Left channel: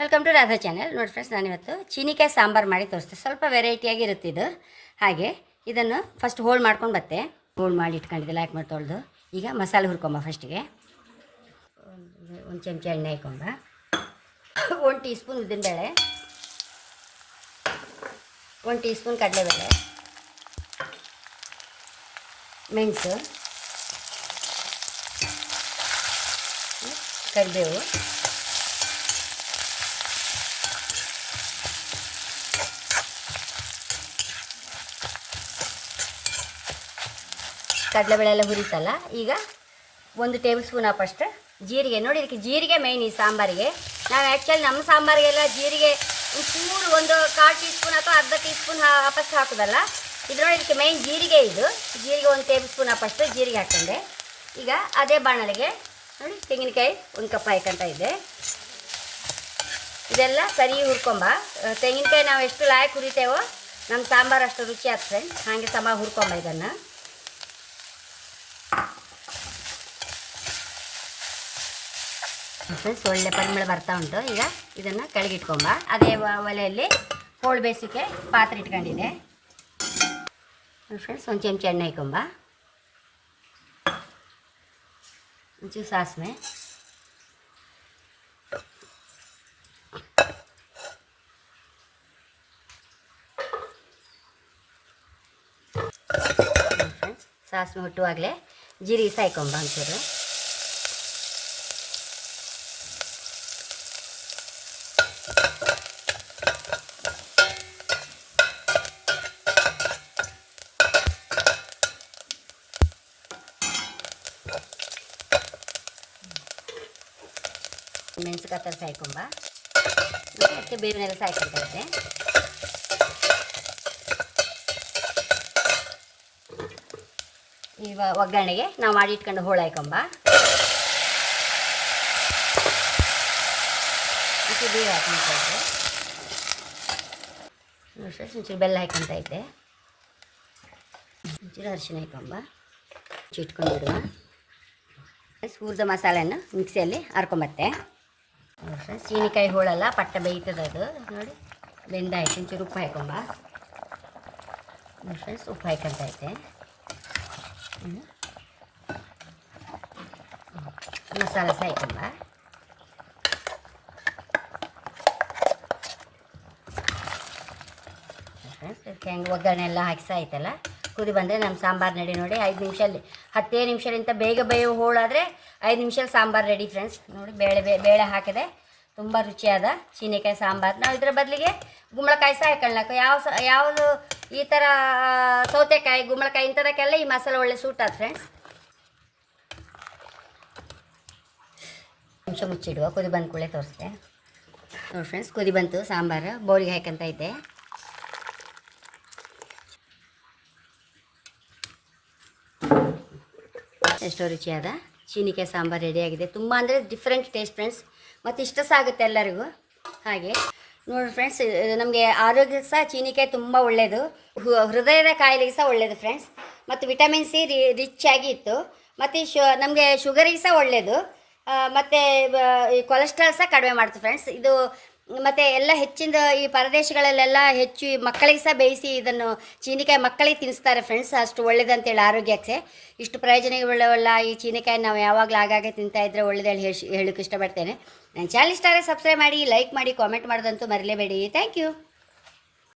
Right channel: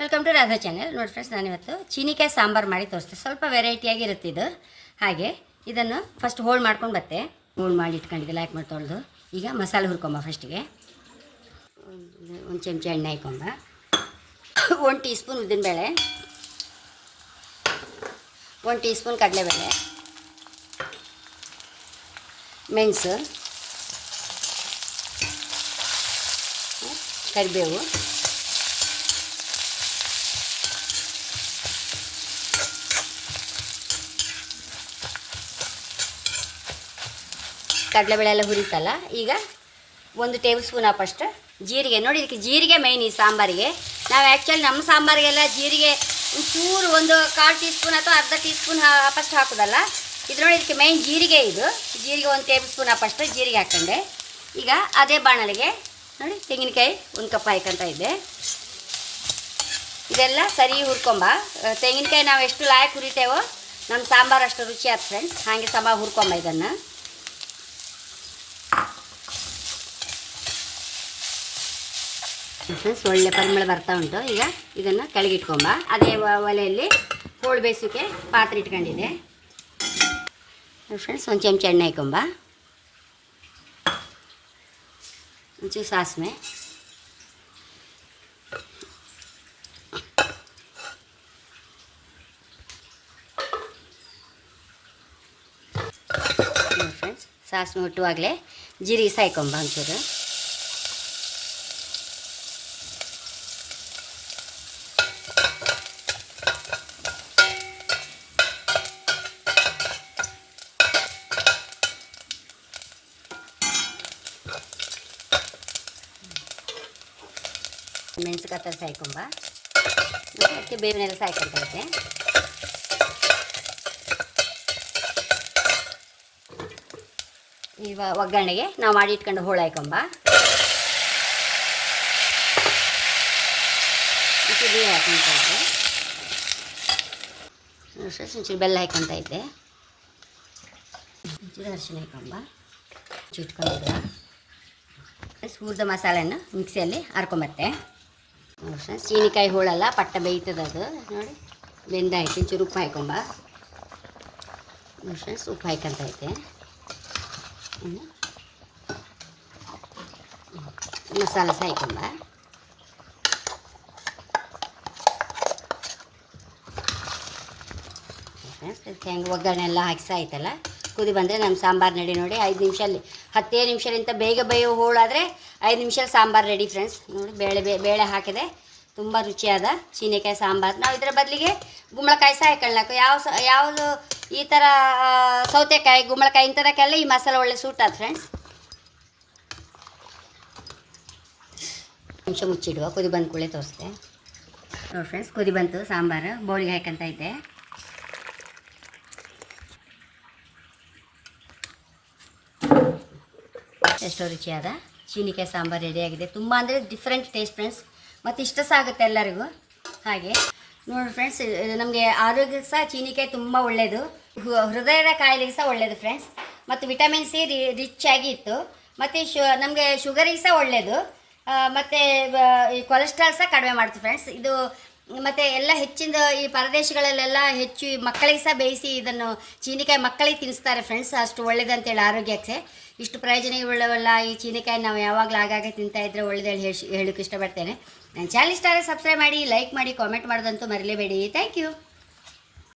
Welcome to Radha channel. ನೋಡಿ friends, ನಾನಿವತ್ತು ಚೀನಿಕಾಯಿ ಸಾಂಬಾರು ಮಾಡಿ ತೋರಿಸ್ತೆ. ಸ್ವಲ್ಪ ವೆರೈಟಿಯಾಗಿ ಇರುತ್ತೆ ಇದು. ಹಾಗೆ ಇದನ್ನು ಫಸ್ಟ್ ಹೋಲ್ಡ್ ಮಾಡ್ಕೊಂಡು ಬತ್ತೆ ಹೋಲ್ಡ್ ಮಾಡಿ ಇಟ್ಕೊಂಡಿದ್ದೆ ಲೈಕ್ ಮಾಡಿ ತೊಳೆದು. ಈಗ ಮಸಾಲೆ ಹುರ್ಕೊಂಬ. ಫಸ್ಟಿಗೆ ಒಂದು ಚಮಚ ಎಣ್ಣೆ ಹಾಕೊಂಬ, 1 ಟೀ ಸ್ಪೂನ್ ಉದ್ದಿನಬೇಳೆ, 1 ಟೀ ಸ್ಪೂನ್ ಕಡಲೆಬೇಳೆ, ಮೆಣಸು, ಕರಿಬೇವು, ಕಡಲೆಬೇಳೆ ಎಲ್ಲ ಹುರಿತಲ್ಲ. ಈಗ 1 ಟೇಬಲ್ ಸ್ಪೂನ್ ಅಪ್ಪಷ್ಟು ಜೀರಿಗೆ. ನೋಡಿ, ಇದಕ್ಕೆ ಜೀರಿಗೆ ಮೈನ್ ಈ ಸಾಂಬಾರಿಗೆ. ನಾವು ಆ್ಯಕ್ಚುಲಿ ನಮ್ಮ ಸಾಂಬಾರಿಗೆಲ್ಲ ಜೀರಿಗೆ ಒಂಚೂರು 1/4 ಟೀ ಸ್ಪೂನ್ ಅಥವಾ ಅರ್ಧ ಟೀ ಸ್ಪೂನ್ ಅಪ್ಪಷ್ಟು ಹಾಕೋದಲ್ಲ. ಇದು ನೋಡಿ, ಇದಕ್ಕೆ ಮೈನ್ ಜೀರಿಗೆ. ಇದು ಜೀರಿಗೆ 1 ಟೇಬಲ್ ಸ್ಪೂನ್ ಅಪ್ಪಷ್ಟು ಜೀರಿಗೆ ಹಾಕ್ಕೊಂಡೆ. ಈಗ ಅದೇ ಬಾಣಲೆಗೆ ನೋಡಿ ತೆಂಗಿನಕಾಯಿ 1 ಕಪ್ ಹಾಯ್ಕೊಂತ ಇದ್ದೆ. ಇದೆಲ್ಲ ಸರಿ ಹುರ್ಕೊಂಬ. ತೆಂಗಿನಕಾಯಿ ನಾವು ಎಷ್ಟು ಲಾಯಕ್ ಹುರಿತೇವೋ ನಮ್ಮ ಸಾಂಬಾರು ಅಷ್ಟು ರುಚಿ ಆಯ್ತು ಫ್ರೆಂಡ್ಸ್. ಹಾಗೆ ಸಮ ಹುರ್ಕೊಂಬ. ಇದನ್ನು ಫ್ರೆಂಡ್ಸ್ ಒಳ್ಳೆ ಪರಿಮಳ ಬರ್ತಾ ಉಂಟು. ಈಗ ಇದನ್ನು ಕೆಳಗಿಟ್ಕೊಂಬ. ಅದೇ ಒಲೆಯಲ್ಲಿ ಹೋಳು ಬೇಯಿಸೋಕ್ಕೆ ಪಾತ್ರೆ ಇಟ್ಕೊಂಡಿದ್ದೆ ಫ್ರೆಂಡ್ಸ್. 1 ಚಮಚ ಎಣ್ಣೆ ಹಾಕೊಂಬ, ಒಂಚೂರು ಸಾಸಿವೆ, ಫ್ರೆಂಡ್ಸ್ ಸಾಸಿವೆ ಹುಟ್ಟುವಾಗಲೇ ಜೀರಿಗೆ ಸಾಯ್ಕೊಂಬ ಒಂಚೂರು. ಮೆಣಸು ಕತ್ತರಿಸಿ ಹಾಕೊಂಬ. ಅದಕ್ಕೆ ಬೇವಿನೆಲ್ಲ ಸಾಯ್ಕೊಂತೈತೆ. ಈಗ ಒಗ್ಗರಣೆಗೆ ನಾವು ಮಾಡಿ ಇಟ್ಕೊಂಡು ಹೋಳು ಹಾಕೊಂಬ. ನೀರು ಹಾಕೊಂತೈತೆ. ಒಂಚೂರು ಬೆಲ್ಲ ಹಾಕೊಂತೈತೆ. ಒಂಚೂರು ಅರಿಶಿನ ಹಾಕೊಂಬ. ಇಟ್ಕೊಂಡಿಡುವ ಹುರಿದ ಮಸಾಲೆಯನ್ನು ಮಿಕ್ಸಿಯಲ್ಲಿ ಹರ್ಕೊಂಬತ್ತೆ. ಚೀನಿಕಾಯಿ ಹೋಳಲ್ಲ ಪಟ್ಟ ಬೇಯ್ತದೆ ಅದು. ನೋಡಿ, ಬೆಂದಾಯ್ತು. ಒಂಚೂರು ಉಪ್ಪು ಹಾಕೊಂಬ. ಫ್ರೆಂಡ್ಸ್ ಉಪ್ಪು ಹಾಕೊಂತೈತೆ. ಮಸಾಲೆ ಸಾಯ್ಕೊಂಬ. ಫ್ರೆಂಡ್ಸ್ ಹೆಂಗೆ ಒಗ್ಗರಣೆ ಎಲ್ಲ ಹಾಕಿ ಸಾಯ್ತಲ್ಲ. ಕುದಿ ಬಂದರೆ ನಮ್ಮ ಸಾಂಬಾರು ರೆಡಿ. ನೋಡಿ, 5 ನಿಮಿಷದಲ್ಲಿ 10 ನಿಮಿಷದಿಂದ ಬೇಗ ಬೇಯೋ ಹೋಳಾದರೆ 5 ನಿಮಿಷದಲ್ಲಿ ಸಾಂಬಾರು ರೆಡಿ ಫ್ರೆಂಡ್ಸ್. ನೋಡಿ, ಬೇಳೆ ಹಾಕಿದೆ. ತುಂಬ ರುಚಿಯಾದ ಚೀನಿಕಾಯಿ ಸಾಂಬಾರು. ನಾವು ಇದರ ಬದಲಿಗೆ ಗುಂಬಳಕಾಯಿ ಸಹ ಹಾಕೊಳ್ಳಬೇಕು. ಯಾವುದು ಈ ಥರ ಸೌತೆಕಾಯಿ, ಗುಂಬಳಕಾಯಿ ಇಂಥದಕ್ಕೆಲ್ಲ ಈ ಮಸಾಲೆ ಒಳ್ಳೆ ಸೂಟ್ ಆದ ಫ್ರೆಂಡ್ಸ್. ನಿಮಿಷ ಮುಚ್ಚಿಡುವ. ಕುದಿ ಬಂದ ಕೂಡಲೇ ತೋರಿಸ್ದೆ. ನೋಡಿ ಫ್ರೆಂಡ್ಸ್, ಕುದಿ ಬಂತು ಸಾಂಬಾರು. ಬೌಲಿಗೆ ಹಾಕಂತ ಐತೆ. ಎಷ್ಟೋ ರುಚಿಯಾದ ಚೀನಿಕಾಯಿ ಸಾಂಬಾರು ರೆಡಿಯಾಗಿದೆ. ತುಂಬ ಅಂದರೆ ಡಿಫ್ರೆಂಟ್ ಟೇಸ್ಟ್ ಫ್ರೆಂಡ್ಸ್. ಮತ್ತು ಇಷ್ಟ ಸಹ ಆಗುತ್ತೆ ಎಲ್ಲರಿಗೂ. ಹಾಗೆ ನೋಡಿ ಫ್ರೆಂಡ್ಸ್, ನಮಗೆ ಆರೋಗ್ಯಕ್ಕೆ ಸಹ ಚೀನಿಕಾಯಿ ತುಂಬ ಒಳ್ಳೆಯದು. ಹೃದಯದ ಕಾಯಿಲೆಗೆ ಸಹ ಒಳ್ಳೆಯದು ಫ್ರೆಂಡ್ಸ್. ಮತ್ತು ವಿಟಮಿನ್ ಸಿ ರಿಚ್ ಆಗಿ ಇತ್ತು. ಮತ್ತು ನಮಗೆ ಶುಗರಿಗೆ ಸಹ ಒಳ್ಳೆಯದು. ಮತ್ತು ಈ ಕೊಲೆಸ್ಟ್ರಾಲ್ ಸಹ ಕಡಿಮೆ ಮಾಡ್ತೀವಿ ಫ್ರೆಂಡ್ಸ್ ಇದು. ಮತ್ತು ಎಲ್ಲ ಹೆಚ್ಚಿನ ಈ ಪರದೇಶಗಳಲ್ಲೆಲ್ಲ ಹೆಚ್ಚು ಮಕ್ಕಳಿಗೆ ಸಹ ಬೇಯಿಸಿ ಇದನ್ನು ಚೀನಿಕಾಯಿ ಮಕ್ಕಳಿಗೆ ತಿನ್ನಿಸ್ತಾರೆ ಫ್ರೆಂಡ್ಸ್. ಅಷ್ಟು ಒಳ್ಳೇದಂತೇಳಿ ಆರೋಗ್ಯಕ್ಕೆ. ಇಷ್ಟು ಪ್ರಯೋಜನಗಳುಳ್ಳೆವಲ್ಲ ಈ ಚೀನಿಕಾಯಿ. ನಾವು ಯಾವಾಗಲೂ ಆಗಾಗ ತಿಂತಾಯಿದ್ರೆ ಒಳ್ಳೆದೇಳಿ ಹೇಳೋಕ್ಕೆ ಇಷ್ಟಪಡ್ತೇನೆ. ನನ್ನ ಚಾನಲ್ ಇಷ್ಟ ಆದರೆ ಸಬ್ಸ್ಕ್ರೈಬ್ ಮಾಡಿ, ಲೈಕ್ ಮಾಡಿ, ಕಾಮೆಂಟ್ ಮಾಡೋದಂತೂ ಮರಿಲೇಬೇಡಿ. Thank you.